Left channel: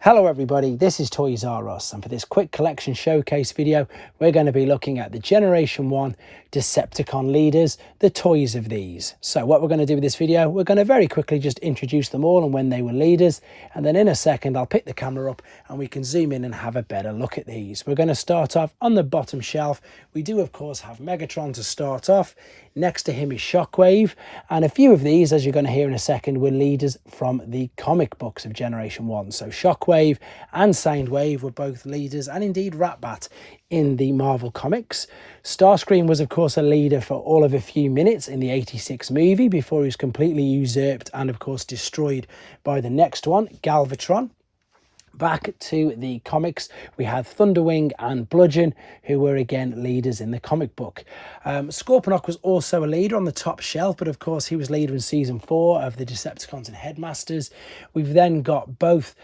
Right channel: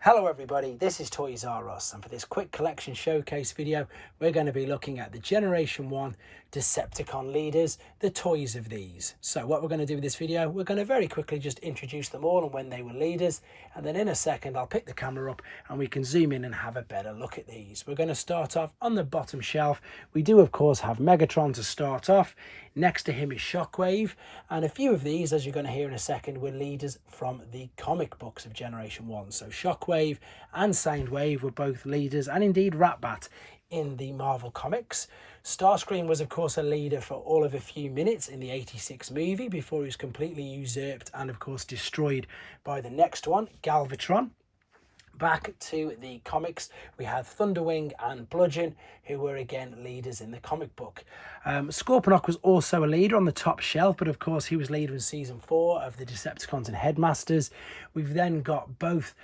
Hello everybody, this is Toys R Us, and for this quick collection showcase video we're going to be looking at the Generation 1 Decepticon leaders, the toys of these. So what we're going to do with this video, we're going to very quickly just introduce them all and when they were leaders, and then in a second I'll pick the camera up and we can zoom in and have a better look at these. We're going to start off on the bottom shelf. We do of course have Megatron to start off. Next to him is Shockwave, and a few of these, as you're going to hear in a second, were leaders from the comic books of Generation 1. So Shockwave and Soundwave were both leaders, and indeed Ratbat in the Marvel Comics. Starscream was of course a leader for all of a few minutes in the 86 movie before he was completely usurped and of course destroyed by the next one, Galvatron. Back to the comics, we had Thunderwing and Bludgeon, who were again leaders in the comic book. Scorponok was also a leader on the top shelf, but of course he was leader in season 4 of the Decepticons and Headmasters. We've then got both,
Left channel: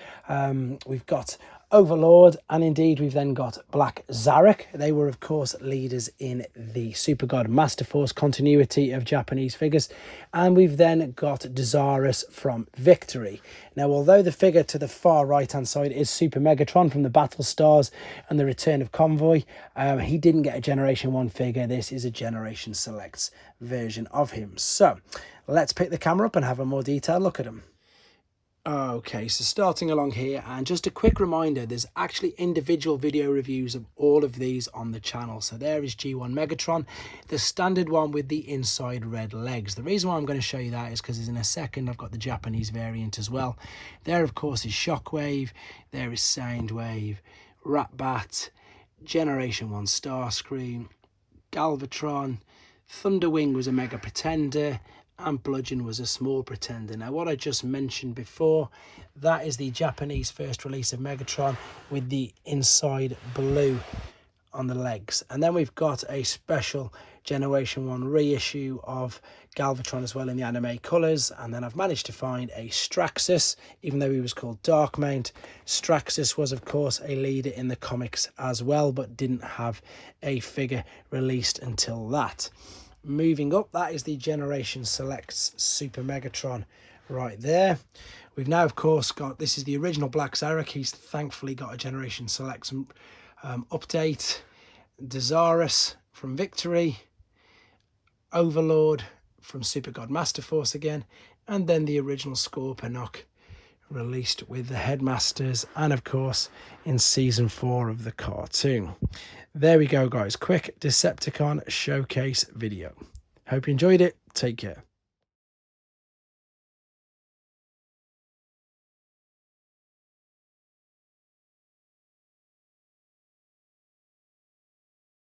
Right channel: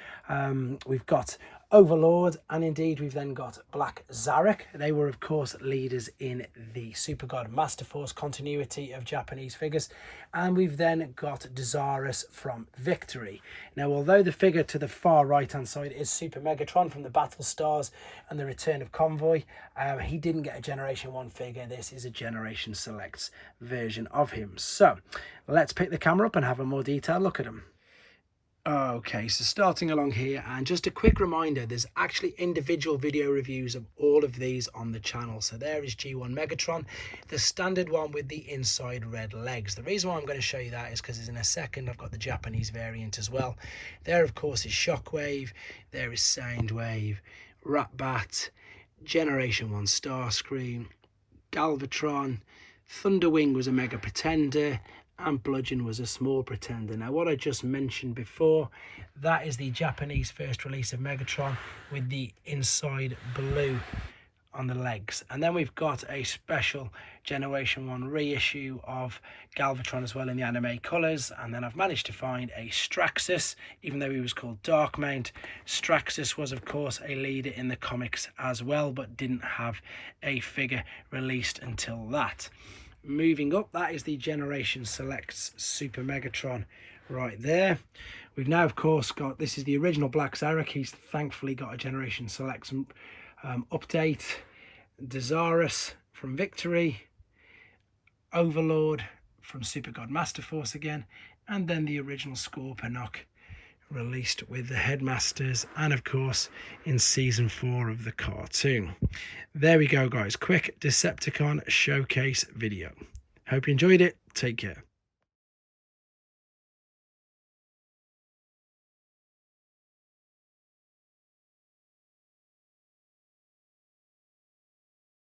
we've got Overlord, and indeed we've then got Black Zarek. They were of course leaders in the Super God Master Force continuity of Japanese figures. And we've then got Desarus from Victory. Now, although the figure to the far right hand side is Super Megatron from the Battle Stars and the Return of Convoy, he didn't get a Generation 1 figure. This is a Generation Selects version of him. So let's pick the camera up and have a more detailed look at him. Okay, so starting along here, and just a quick reminder, there's actually individual video reviews of all of these on the channel. So there is G1 Megatron, the standard one with the inside red legs. The reason why I'm going to show you that is because in a second I've got the Japanese variant as well. There of course is Shockwave, there is Soundwave, Ratbat, Generation 1 Starscream, Galvatron, Thunderwing was a Mega Pretender, and Bludgeon was a small pretender. Now, what I just mentioned before, that is the Japanese first release of Megatron with the inside blue on the legs. And then we've got a special Generation 1 reissue of Galvatron as well in the anime colours. And then I've managed to find a Straxus, even though he was called Darkmount. Straxus was, of course, a leader in the comics as well, but didn't have a figure released until that. Moving up, that is the Generation Selects Super Megatron right there. We've now, of course, got, this is the original Black Zarek. He's thankfully got a Generation Selects update. Desarus from Victory. Overlord from Super God Master Force again. And then the original Scorponok released with the Headmasters. And, of course, in Season 4 of the cartoon. There we go, guys. Quick Decepticon showcase video. Hope you enjoyed it. Take care.